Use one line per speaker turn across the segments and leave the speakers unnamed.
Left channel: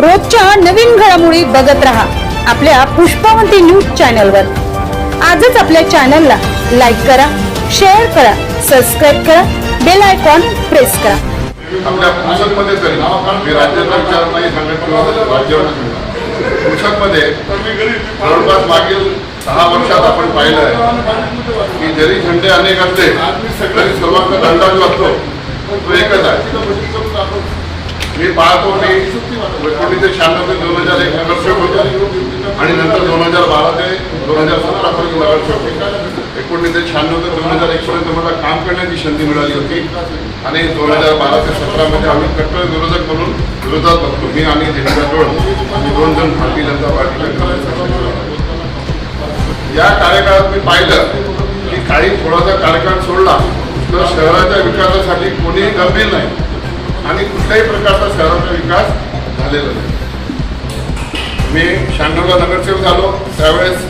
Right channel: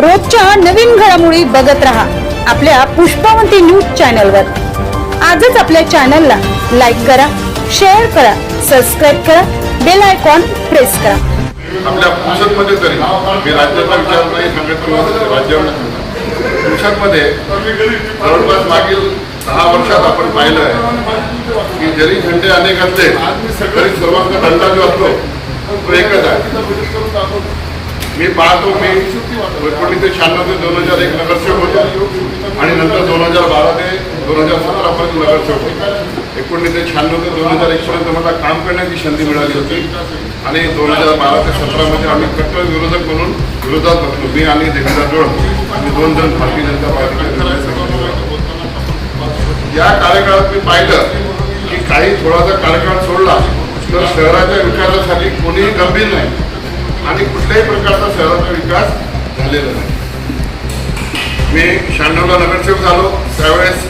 रोजच्या नवीन घडामोडी बघत राहा आपल्या पुष्पावंती न्यूज चॅनलवर. आजच आपल्या चॅनलला लाईक करा शेअर करा सबस्क्राईब करा बेल आयकॉन प्रेस करा.
आपल्या पुसदमध्ये तरी मी राज्याचा विचार नाही सांगत किंवा राज्यावर पुसदमध्ये जवळपास मागील दहा वर्षात आपण पाहिलं आहे की जरी झंडे अनेक असले तरी सर्वांचा दंडा जो असतो. मी पाहतो की एकोणीसशे शहाण्णव ते दोन हजार एक नगरसेवक होते. आणि नंतर दोन हजार बारा ते दोन हजार सतरा पर्यंत नगरसेवक होते. एकोणीसशे शहाण्णव ते दोन हजार एक पर्यंत मला काम करण्याची संधी मिळाली होती. आणि दोन हजार बारा ते सतरामध्ये आम्ही कट्टर विरोधक म्हणून विरोधात बघतो मी आणि देवेंद्र जोड. आणि दोन जण भारतीय जनता पार्टीचे या कार्यकाळात मी पाहिलं की काही थोडासा कार्यकाळ सोडला तर शहराच्या विकासासाठी कोणीही गंभीर नाही. आणि कुठल्याही प्रकारचा शहराचा विकास झालेला नाही. मी शहाण्णवला नगरसेवक झालो. त्यावेळेस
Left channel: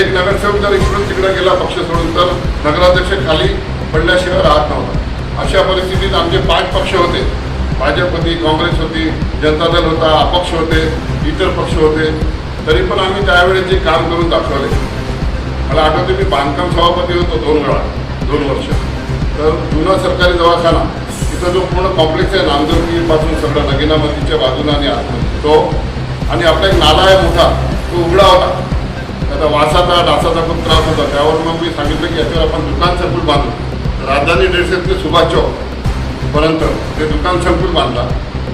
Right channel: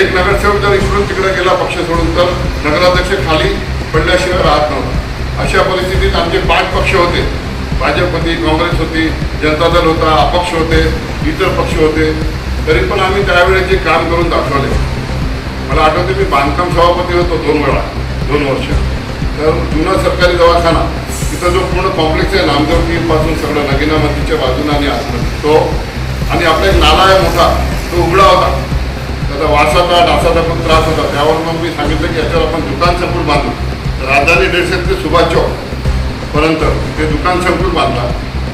एक नगरसेवक जर इकडून तिकडे गेला पक्ष सोडून तर नगराध्यक्ष खाली पडल्याशिवाय राहत नव्हतं. अशा परिस्थितीत आमचे पाच पक्ष होते. भाजप होती काँग्रेस होती जनता दल होता अपक्ष होते इतर पक्ष होते. तरी पण आम्ही त्यावेळेस जे काम करून दाखवले. मला आठवते मी बांधकाम सभापती होतो दोन वेळा दोन वर्ष. तर जुना सरकारी दवाखाना तिथं जो पूर्ण कॉम्प्लेक्स आहे नामदेवपासून सगळं नगिना नदीच्या बाजूने आणि आतमध्ये. तो आणि आपला एक नाला आहे मोठा तो उघडा होता. त्याचा वासाचा डासाचा पण त्रास होता. त्यावर मग मी सांगितलं की याच्यावर आपण दुकान संकुल बांधू. राजधानी डेडसेट ते सुभाष चौक पर्यंत ते दुकान संकुल बांधला.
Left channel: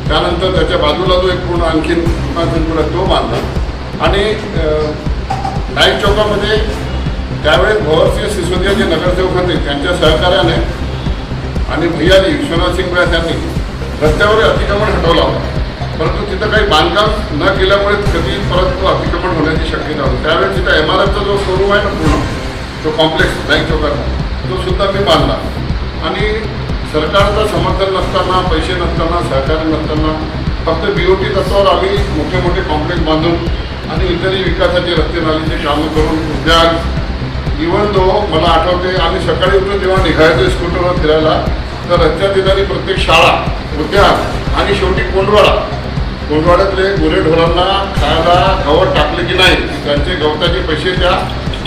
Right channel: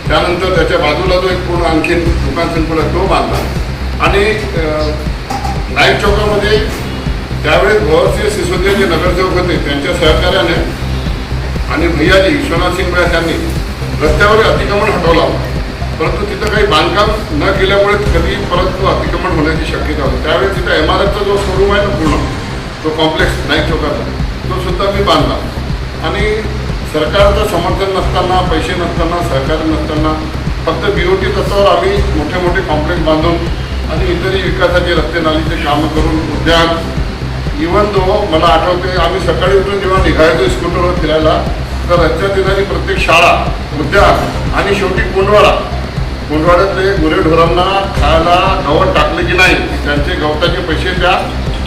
त्यानंतर त्याच्या बाजूला जो एक पूर्ण आणखीन दुकान संकुल आहे तो बांधला. आणि नाईक चौकामध्ये त्यावेळेस भवरसिंह सिसोदिया जे नगरसेवक होते. त्यांच्या सहकार्याने आणि भैयाजी विश्वनाथ सिंग त्यांनी यांनी रस्त्यावर अतिक्रमण हटवला परंतु तिथं काही बांधकाम न केल्यामुळे कधी परत तो अतिक्रमण होण्याची शक्यता होती. त्यावेळेस तिथं एम आर एफचा जो शोरूम आहे ना पूर्ण तो कॉम्प्लेक्स बँक चौकातला तो सुद्धा मी बांधला. आणि सरकारचं समर्थन नसताना पैसे नसताना सहकार्य नसताना फक्त बी ओ टी तत्वावर आम्ही मोठे मोठे कॉम्प्लेक्स बांधून आणि इतरही विकासाचे रस्ते नालीचे कामं करून उद्यान इवन तो मला आठवते आम्ही सकाळी उठून जेव्हा निघायचो स्कूटरवर फिरायला तर रस्त्या येणारी प्रत्येक शाळा उद्यान आणि शेवटी कोंडवाडा. कोंडवाड्यातले गुरेढोरांना खायला गवत टाकले की नाही की त्यांचे गवताचे पैसे त्या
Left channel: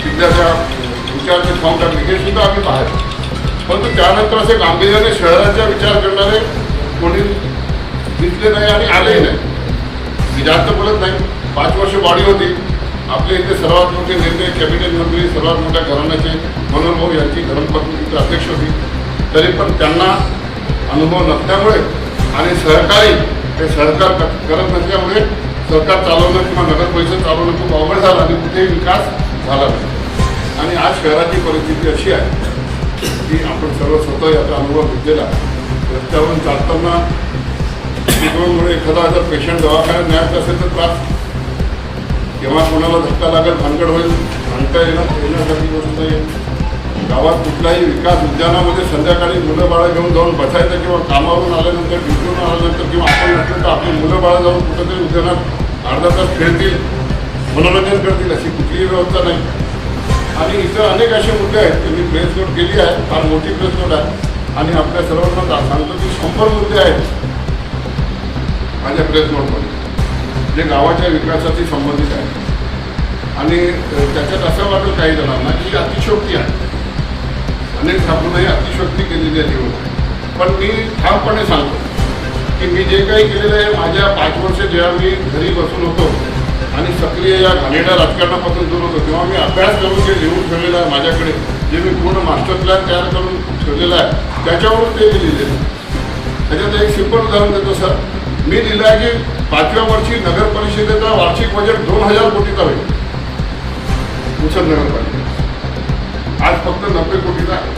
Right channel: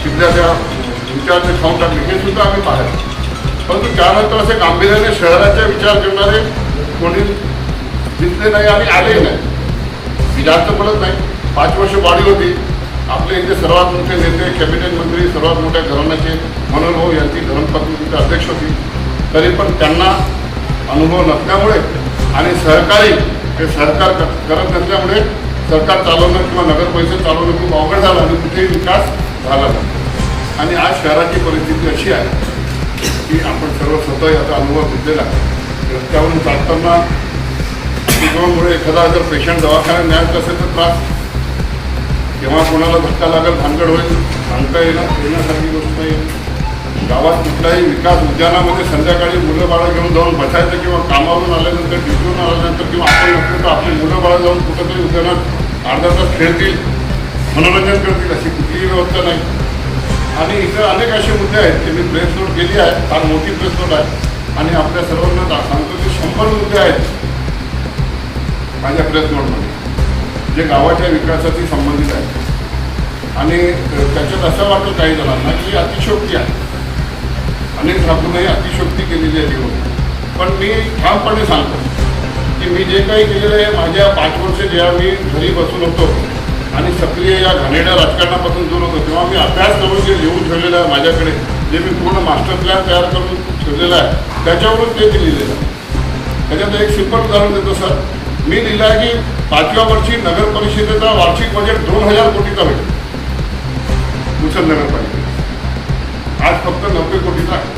खिद्या त्या विचारचे खाऊन टाकले हे सुद्धा आम्ही पाहतो परंतु त्यानंतर असे गांभीर्याने शहराचा विचार करणारे कोणी दिसले नाही आणि आलेही नाही. मी जास्त बोलत नाही. पाच वर्ष वाढी होती. आपले इथे सर्वात मोठे नेते कॅबिनेट मंत्री सर्वात मोठ्या घराण्याचे मनोहर भाऊ यांची धर्मपत्नी तिथे अध्यक्ष होती. तरी पण त्यांना अनुभव नसल्यामुळे आणि सहकारी हे सहकार क- करत नसल्यामुळे सरकार चालवणं किंवा नगर परिषद चालवणं खूप अवघड झालं आणि कुठेही विकास झाला नाही. आणि आज शहराची परिस्थिती अशी आहे की आपण सर्व स्वतः याचा अनुभव घेतलेला रस्त्यावरून चालताना एखादा जर पेशंट दवाखान्यात न्यायचा असेल तर त्रास केव्हा कोणाला धक्का लागेल भानगड होईल सांगता येणं येण्यासारखी गोष्ट नाही आहे. गावात कुठलाही विकास उद्यानामध्ये संध्याकाळी मुलं बाळं घेऊन जाऊन बसायचं किंवा कामावरून आल्यानंतर ड्युटीवरून आल्यानंतर किंवा आपण नसलं तर आपली मुलं बाळं जाऊन कुठंतरी उद्यानात अर्धा तास खेळतील मनोरंजन करतील अशी कुठलीही व्यवस्था नाही. आणि इथं अनेक असे मुद्दे आहेत की मी प्रेस नोट केली आहे फार मोठी प्रेस नोट आहे. आणि आपल्या सर्वांना सांगतो की शंभर मुद्दे आहेत माझ्या प्रेस नोटमध्ये जे गावाच्या विकासाशी संबंधित आहे. आणि त्याच्यात असं वाटेल काही जणांना की अतिशोक्ती आहे. अनेक ठाकूरने अतिशोक्ती केलेली आहे लिहून पण मी ठामपणे सांगतो की मी जे काही केलेलं आहे माझ्या पाच वर्ष जेव्हा मी घरी बसून होतो आणि सक्रिय या घाणेरड्या राजकारणापासून दूर होतो तेव्हा मी अभ्यास करून जे लिहून ठेवलेलं आहे माझ्याकडे जे मी पूर्ण मास्टर प्लॅन तयार करून ठेवलेलं आहे त्याच्यावरून ते दिलेले लिहिलेलं आहे. त्याच्यात एक सिंपल उदाहरण देतो सर मी लिहिलं आहे की पाचव्या वर्षी नगर परिषदेचा वार्षिक बजेट दोन हजार कोटीचा होईल. मुसल नगरपालिकेचा. आज फक्त नव्वद कोटीचा आहे.